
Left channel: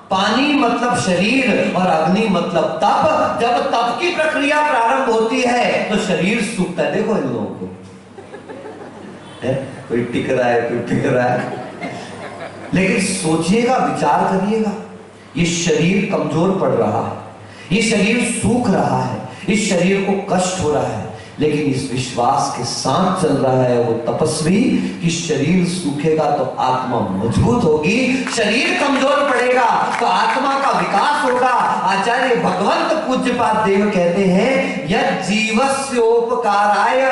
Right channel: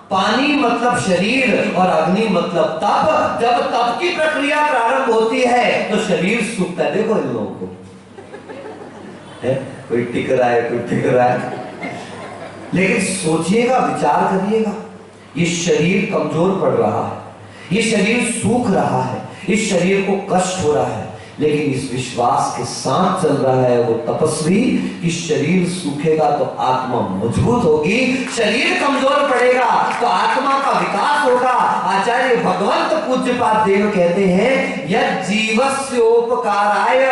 पानी मतलब शरीर और अग्नि मतलब तप। जब तप की प्रक्रिया प्रारंभ होती है तो शरीर सूखता है। देखो इन लोगों को, कोई टिक रहा है, कोई टिक रहा है, लेकिन सोचिएगा, विचार करिएगा, ये शरीर कमजोर पड़ रहा है, ये शरीर सूख रहा है, इस शरीर को कष्ट हो रहा है, लेकिन इस विश्वास के साथ चल रहा है वो तपस्वी कि शरीर सूखेगा तो आत्मा मजबूत होगी, शरीर कमजोर पड़ेगा तो आत्मा का विकास होगा। आचार्य भगवंत पूज्यपाद देव कहते हैं, यद जीवस्योपकाराय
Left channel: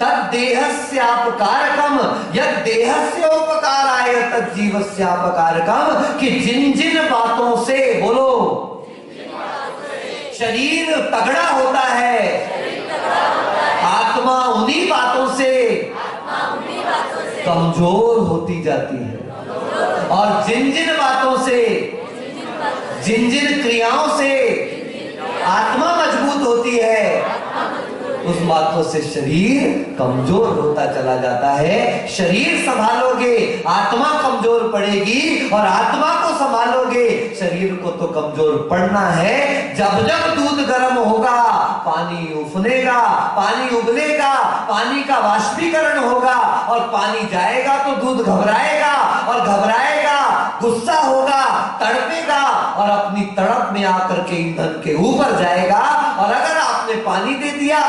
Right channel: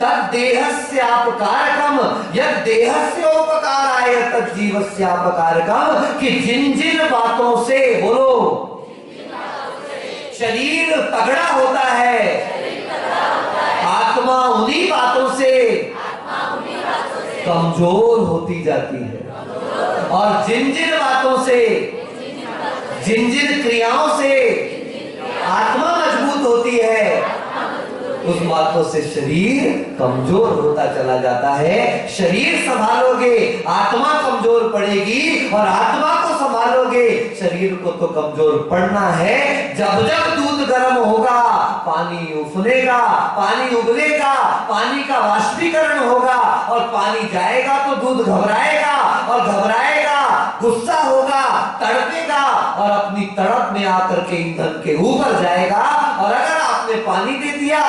तद देहस्यापकारकम, यद देहस्योपकाराय तद जीवस्यापकारकम, कि जिन जिन बातों से, बोलो, शरीर तगड़ा होता है, आत्मा उन्हीं बातों से कमजोर होती जाती है। और जिन जिन बातों से, जिन जिन क्रियाओं से आत्मा मजबूत होती है, उस बातों से शरीर कमजोर होता चला जाता है। शरीर संभालोगे, आत्मा कमजोर पड़ेगी, और आत्मा को संभालोगे, शरीर को तो कमजोर पड़ना है। जब जब दूध गर्म होगा, पानी उफनेगा, पानी उबलेगा, पानी का वाष्पीकरण होगा, और पानी जाएगा तो दूध घबराएगा, और घबराएगा, गुस्सा होगा, तड़पेगा, और अपनी तड़प में आकर के ईंधन के ऊपर जाएगा। और अगर आपने पानी दे दिया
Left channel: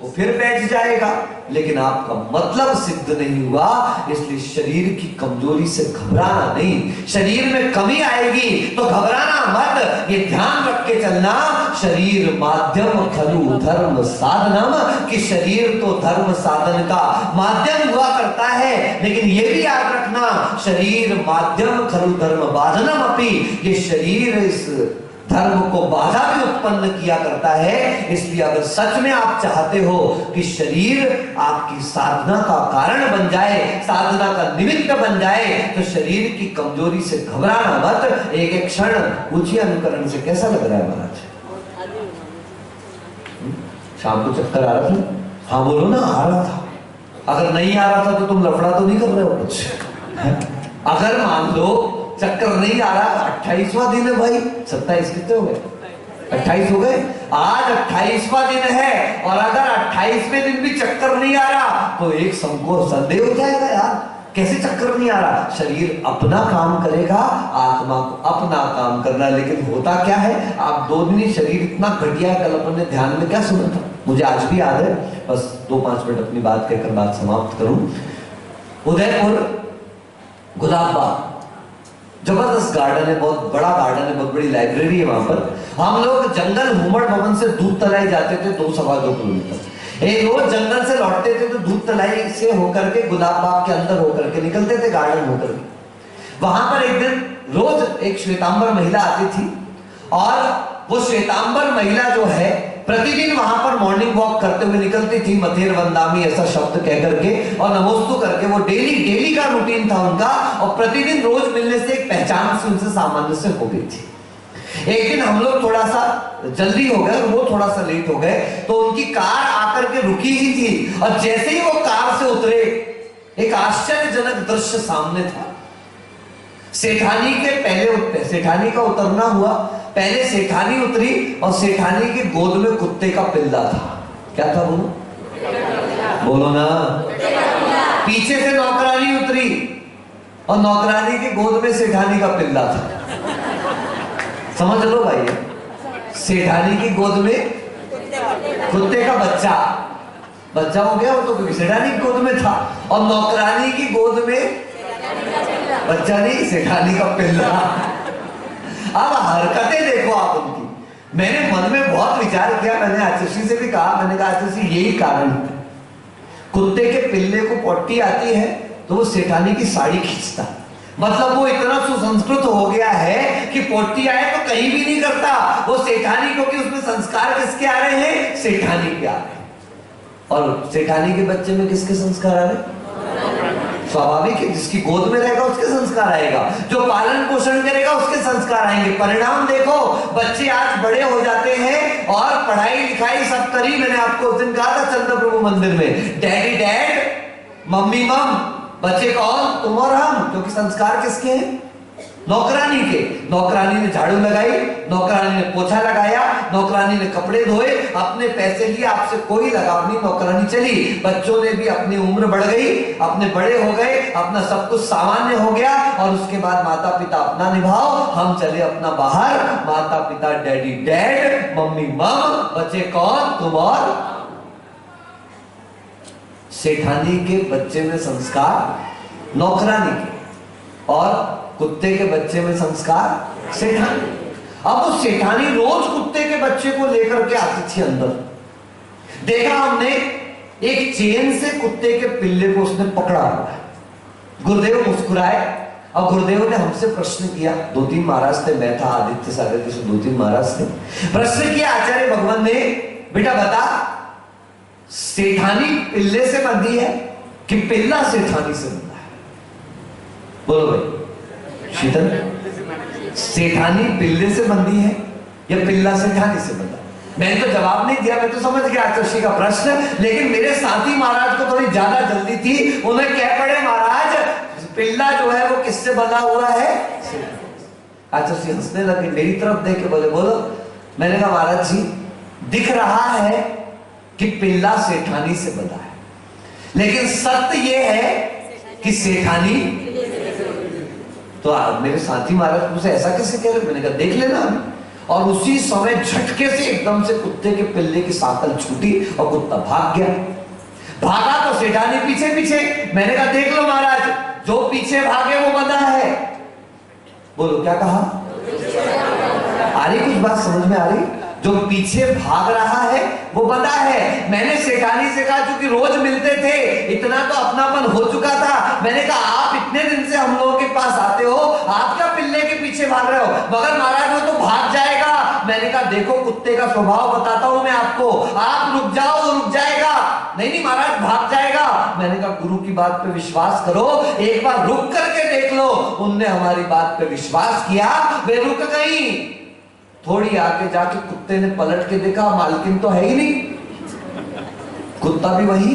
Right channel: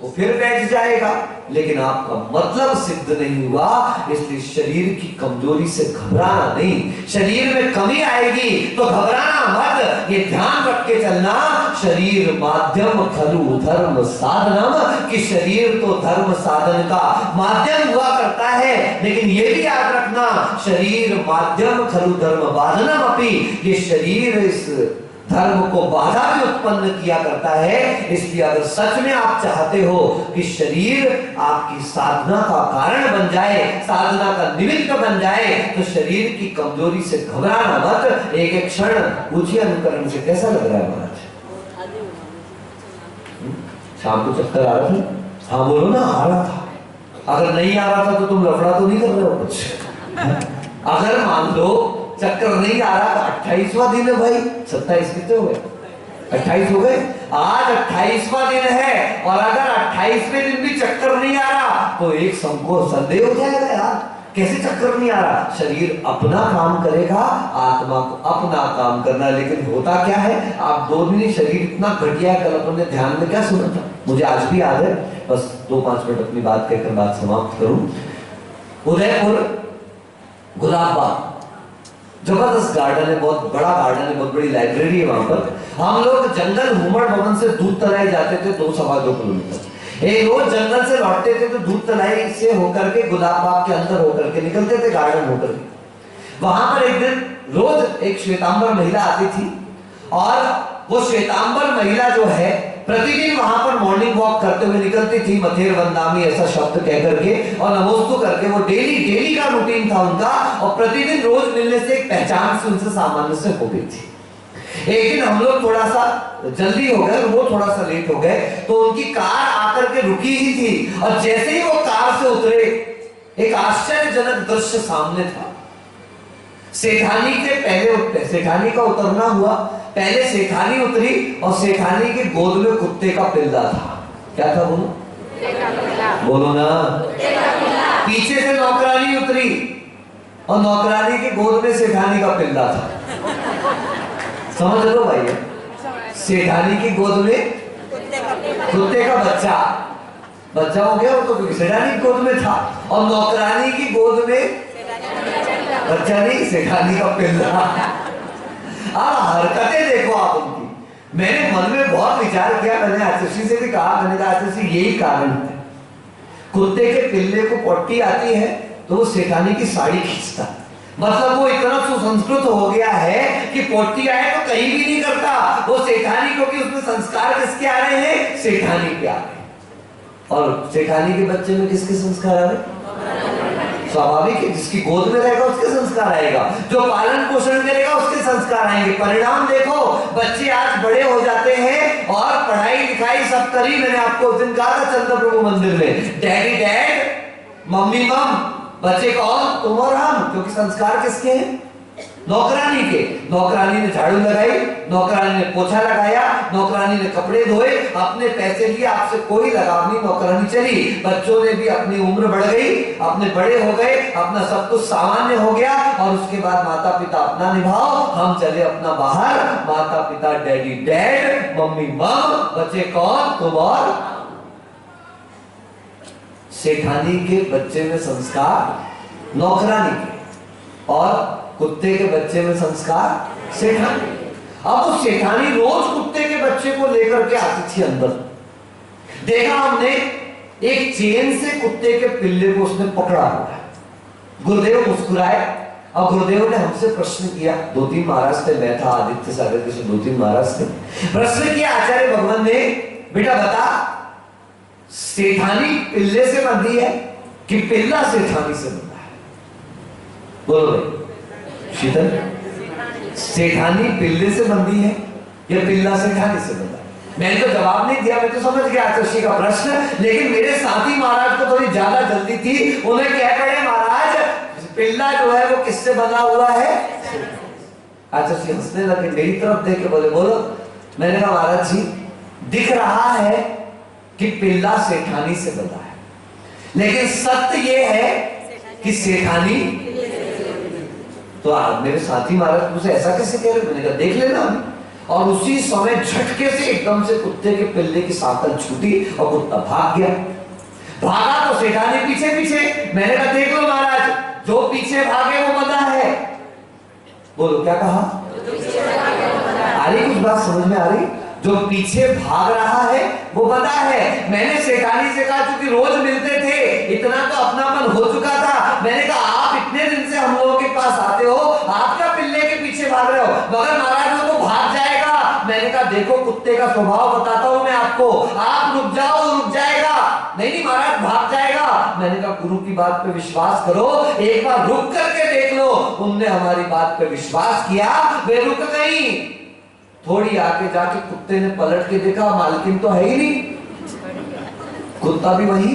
वो फिर बैठ जाएगा, लेकिन आपका मतलब सिद्ध नहीं हुआ। इसलिए शरीर की कमजोरी से घबराना नहीं। शरीर में कमी आएगी तो घबराना मत, ये ध्यान रख के चलना, शरीर माध्यम खलु धर्म साधनम, कि शरीर तो धर्म साधन का माध्यम हुआ करता है, लेकिन ये भी याद रखना, शरीर माध्यम खलु धर्म बाधनम अपि, ये शरीर इस धर्म को बाधा भी उत्पन्न किया करता है। इसलिए अगर सच में आप चाहते हो कि शरीर आपकी साधना का कारण बन जाए, साधना का निमित्त बन जाए, तो शरीर की कमजोरी से घबराना मत। एक एक क्षण पूछिए अनुकरण से कैसा लग रहा है महाराज? शाम को चक्कर आ रहा था? हाँ बोलो ना, आ रहा था। अगर नहीं आ रहा था तो तुम लफड़ा तो नहीं कर रहे हो कुछ? अगर मान लो चक्कर नहीं आ रहा, 28वां दिन है भाई, 27 कितने हो गए? 28 हो गए। आज 28वां दिन है, और अगर 28वें दिन भी चक्कर नहीं आ रहा तो एक संदेह हो जाएगा यार, कैसे चक्कर नहीं आ रहा? शरीर अपना काम करेगा, आत्मा को अपना काम करना। लेकिन होता क्या है, आप 2 दिन ही शरीर इतना घटिया है। कल अपने ध्यान में क्या सुना था, मुझे आज भी याद है, बस 2-5 मिनट अपनी बात कहकर बात समाप्त करूं। उदयपुर गुलाबबाग जबरदस्त गार्डन है, बहुत बड़ा गार्डन है, बहुत बड़ी लाइब्रेरी है वहां पर। हम लोग जंगल हुमड़ भवन से दूध तलाई जाते थे 2-2.25 किलोमीटर। एक रोज जंगल से लौटते थे तो दूध तलाई से होकर के गुलाबबाग के अंदर होकर के निकलते थे, गार्डन होकर के। वहां पर एक दिन रोज एक श्वेतांबर महिला आती थी, और वो श्वेतांबर महिला जो है प्रतिदिन वहां पर मॉर्निंग वॉक करते हुए निकलती थी, मथेर वंदामी ऐसा शब्द कह करके और नमोस्तु करके। वो डेली का रूटीन था उनका, और प्रतिदिन रोज मिलने से एक पहचान से उनसे सामान्य से हो गई थी। एक दिन हम लोग थोड़ा सा जल्दी हो गए, वो थोड़ा सा लेट हो गए, तो उनकी कार आकर के रुकी ही थी, और जैसे ही वो कार से उतरे एक आश्चर्यजनक दृश्य सामने था। सेठानी के पहले सेठानी का उतरना हुआ, पहले सेठानी उतरी और सेठानी की गोद में कुत्ते का पिल्ला था। क्या था बोलो ना। पीछे से नौकरानी उतरी और नौकरानी की गोद में सेठानी का पिल्ला था। समझ लो भाई, सेठानी की गोद में कुत्ते का बच्चा हो गया, वो तो सेठानी की गोद में था, और नौकरानी की गोद में बच्चा नहीं, सेठानी का पिल्ला। अब हरकतें देखो आप उनकी। मैंने मन में बहुत विचार किया, मैंने आचुषी से भी कहा, मैंने कहा आचुषी यही कारण है, कुत्ते के पिल्ले को पोटी आती है तो वो सेठानी की साड़ी खींचता, मतलब वो इतना सुसंस्कृत हो गया है कि पोटी आए तो कहीं भी नहीं करता वो सेठानी, क्योंकि उसमें संस्कार किसके आ रहे हैं? सेठानी के आ रहे हैं। और सेठानी के बच्चे में किसके संस्कार आ रहे हैं? स्वाभाविक है, जिसकी गोद में रहेगा उसके संस्कार आएगा, जो पालन पोषण करेगा उसके संस्कार आएंगे। परिणाम देखो, बच्चे आज बड़े हो जाते हैं और पढ़ाई लिखाई सब करी। मैंने आपको उस दिन कहा था चंद्र प्रभु मंदिर में, डैडी डैड, मम्मी मम, बच्चे कौन? तुम और हम, क्योंकि संस्कार किसके हैं? नौकरानी के। नौकरानी ने झाड़ू लगाई, नौकरानी ने पोछा लगाया, नौकरानी ने कपड़े धोए, अपने पैसे लिए, आपसे कोई लगाव नहीं, नौकरानी चली। बच्चों ने भी अपनी उम्र बढ़ गई, अपने बड़े हो गए, अपना सब कुछ सामान्य हो गया, और उसके बाद माता पिता अपना निभाओ, हम चले अपना बाहर। माता पिता डैडी डैड, मम्मी मम, बच्चे कौन? तुम और। सेठानी के बच्चे में संस्कार नौकरानी के, और कुत्ते के बच्चे में संस्कार सेठानी। अब वो सेठानी रोज कुत्ते के बच्चे को लेकर के आती थी अंदर। देखा हमने, एक चेन से कुत्ते के पिल्ले को उसने पकड़ा हुआ है। गुरुदेव मुस्कुराए और गुरुदेव ने हमसे प्रश्न किया, 2-3 महाराज थे, मैं था, आदित्य सागर के 2-3 महाराज थे। प्रश्न किया आचार्य भगवान ने, बेटा बता, सेठानी पिल्ले से बंधी है कि पिल्ला सेठानी से बंधा है? बोलो भाई शीतल, सेठानी पिल्ले से बंधी है या पिल्ला सेठानी से बंधा है? मैंने तो जवाब नहीं दिया, मैं तो समझ गया आचर्षी का प्रश्न, लेकिन मेरे साथी महाराज को थोड़ी ज्यादा जल्दी थी। उन्हें कह पड़े, महाराज पिल्ला जो है वो किससे बंधा हुआ है? आचर्षी हंसने लगे, मेरी तरफ देख के बोले, बोलो। मैंने कहा महाराज जी, दिख रहा है कि पिल्ला सेठानी से बंधा है, लेकिन सत्य ये है कि सेठानी। तो मेरे साथी महाराज मुझसे ऐसा कैसे कह रहे? मैंने कहा देख लेना। और उसी समय झटके से एकदम से कुत्ते के पिल्ले की सांकल छूटी और कुत्ता भाग गया। भागा तो सेठानी पीछे पीछे। मैंने कहा देख लो महाराज, जो पीछे भागे वो बंधा है। बोलो क्या कहा? आ रही कुछ बात समझ में आ रही? जो पीछे भाग रहा है वो बंधा है। मैंने सेठानी से कहा, क्योंकि रोज मिलते थे, इतना तो अपनापन हो चुका था। मैंने कहा आप इतने दिन से हम लोगों के पास आते हो, आपका पिल्ले के पीछे भाग रहे हो, मगर महाराज वो तो भाग जाएगा। मैंने कहा देखो कुत्ते का स्वभाव बताता हूं मैं आपको, आप रुक जाओ तो रुक जाएगा। नहीं महाराज भाग जाएगा। मैंने कहा गुरु की बात पे विश्वास करो, एक बार रुक करके देख लो। उनने हमारी बात पे विश्वास किया, वे रुक गई। थोड़ी आगे जाके कुत्ते ने पलट के देखा, मालकिन तो है ही नहीं, कुत्ता भी वही।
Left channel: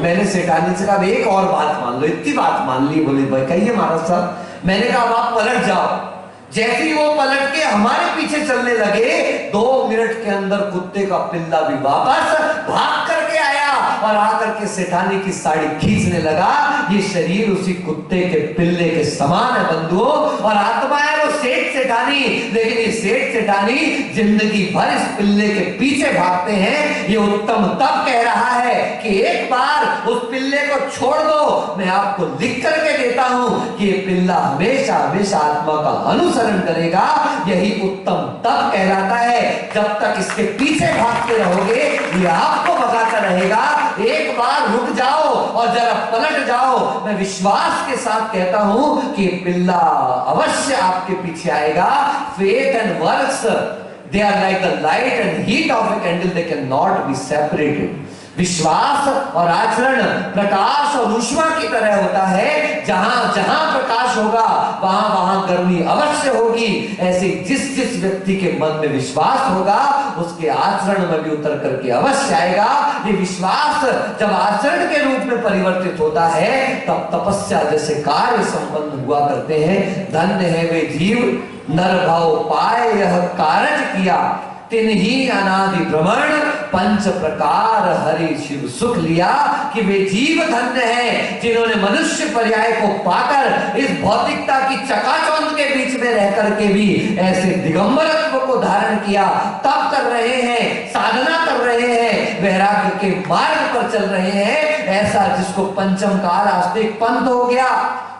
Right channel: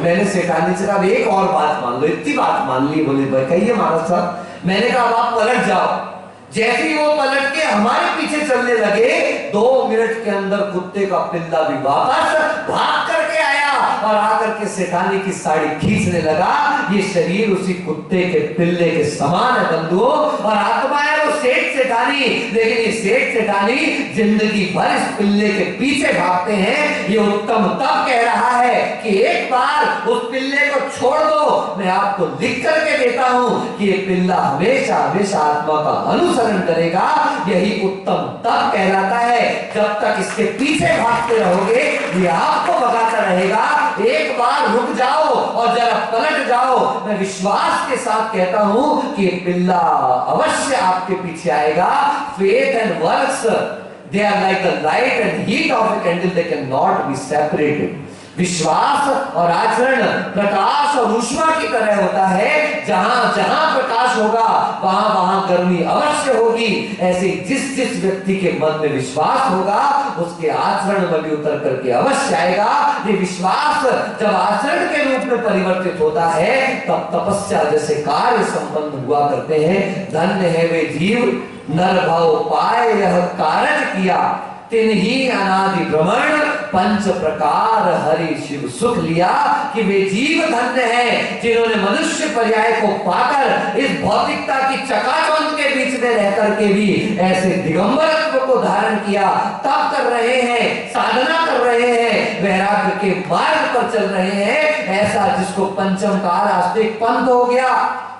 मैंने सेठानी से कहा एक और बात मान लो, इतनी बात मान ली। बोले भाई कहिए महाराज साहब। मैंने कहा अब आप पलट जाओ। जैसे ही वो पलट के हमारे पीछे चलने लगे, 2 मिनट के अंदर कुत्ते का पिल्ला भी वापस भाग करके आया और आकर के सेठानी की साड़ी खींचने लगा। ये शरीर उसी कुत्ते के पिल्ले के समान है बंधुओं, और आत्मा है वो सेठ सेठानी। लेकिन ये सेठ सेठानी जिंदगी भर इस पिल्ले के पीछे भागते हैं। ये उत्तम तब कह रहा है कि एक बार उस पिल्ले को छोड़ दो, मैं आपको लिख करके देता हूं कि ये पिल्ला हमेशा हमेशा आत्मा का अनुसरण करेगा। यही उत्तम तब कहलाता है। जब तक इसके पीछे भागते रहोगे ये आपको भगाता रहेगा। एक बार रुक जाओ और जरा पलट जाओ। मैं विश्वास के साथ कहता हूं कि पिल्ला अवश्य आपके पीछे आएगा। Faith and works, they are like the light and heat of a candle, they can not be separated. विश्वास और आचरण प्रकाश और ऊष्मा की तरह होता है। जहां जहां प्रकाश होगा वहां वहां गर्मी अवश्य होगी। ऐसे जिस जिस व्यक्ति के मन में विश्वास होगा उसके आचरण में भी उतर करके अवश्य आएगा। ये विश्वास जब आचरण के रूप में परिवर्तित होता है तब तपस्या जैसे कार्य संपन्न हुआ करते हैं। धन्य है वे जीव नर भाव पाए यह कारण किया, तिन्ही अनादि भ्रमण पंच प्रकार हरि शिव सुख लिया। कि वे जीव धन्य हैं जिन्होंने मनुष्य पर्याय को पाकर इस भौतिकता की चकाचौंध के बीच में रह करके भी ऐसे दिगंबरत्व को धारण किया। तप कर रहे हैं, साधना कर रहे हैं, वैराग्य के मार्ग पर चल रहे हैं। ऐसा जिसको पंचम काल आस्तिक पंथ हो गया।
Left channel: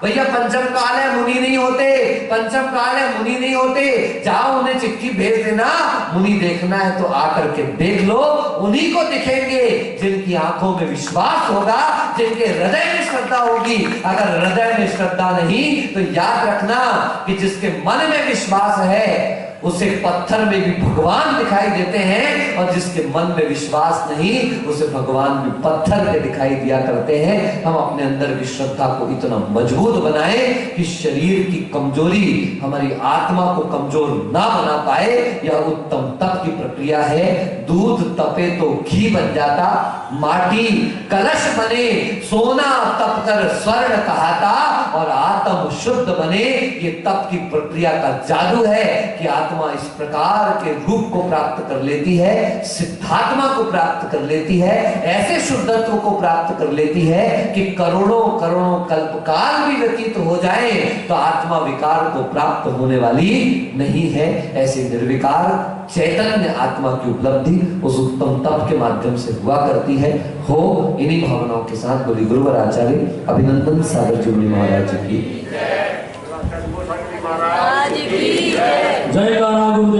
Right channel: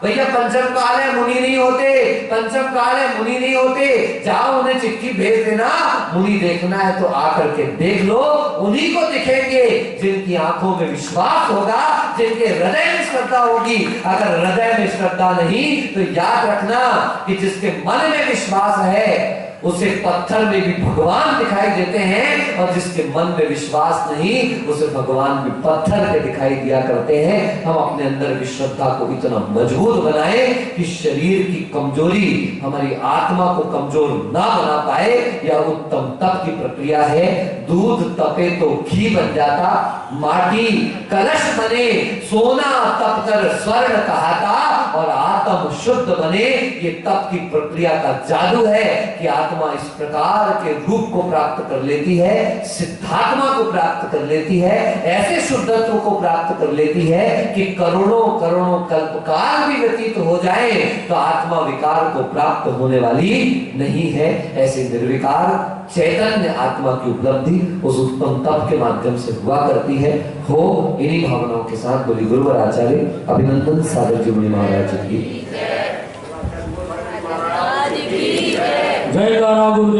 भैया पंचम काल है मुनि नहीं होते, पंचम काल है मुनि नहीं होते। जाओ उन्हें चिट्ठी भेज देना, मुनि देखना है तो आकर के देख लो। उन्हीं को दिखेंगे जिनकी आंखों में विश्वास होगा, जिनके हृदय में श्रद्धा होगी। अगर हृदय में श्रद्धा नहीं तो याद रखना कि जिसके मन में विश्वास है उसे पत्थर में भी भगवान दिखाई देते हैं, और जिसके मन में विश्वास नहीं उसे भगवान भी पत्थर के दिखाई दिया करते हैं। हम अपने अंदर की श्रद्धा को इतना मजबूत बनाएं कि शरीर की कमजोरी हमारी आत्मा को कमजोर ना बना पाए। यह उत्तम तप की प्रक्रिया है। दूध तपे तो घी बन जाता, माटी कलश बने सोना तप कर स्वर्ण कहाता, और आत्म शुद्ध बने। ये तप की प्रक्रिया का जादू है कि आत्मा इस प्रकार के रूप को प्राप्त कर लेती है, सिद्धात्मा को प्राप्त कर लेती है, ऐसे शुद्धत्व को प्राप्त कर लेती है कि करोड़ों करोड़ों कल्पकाल भी व्यतीत हो जाए तो आत्मा विकार को प्राप्त होने वाली नहीं है। ऐसे निर्विकार चैतन्य आत्मा की उपलब्धि उस उत्तम तप के माध्यम से हुआ करती है। हो इन्हीं भावनाओं के साथ बोली गुरुवर आचार्य अभिनंदन सागर जी महाराज की जय गाना गुरुदेव।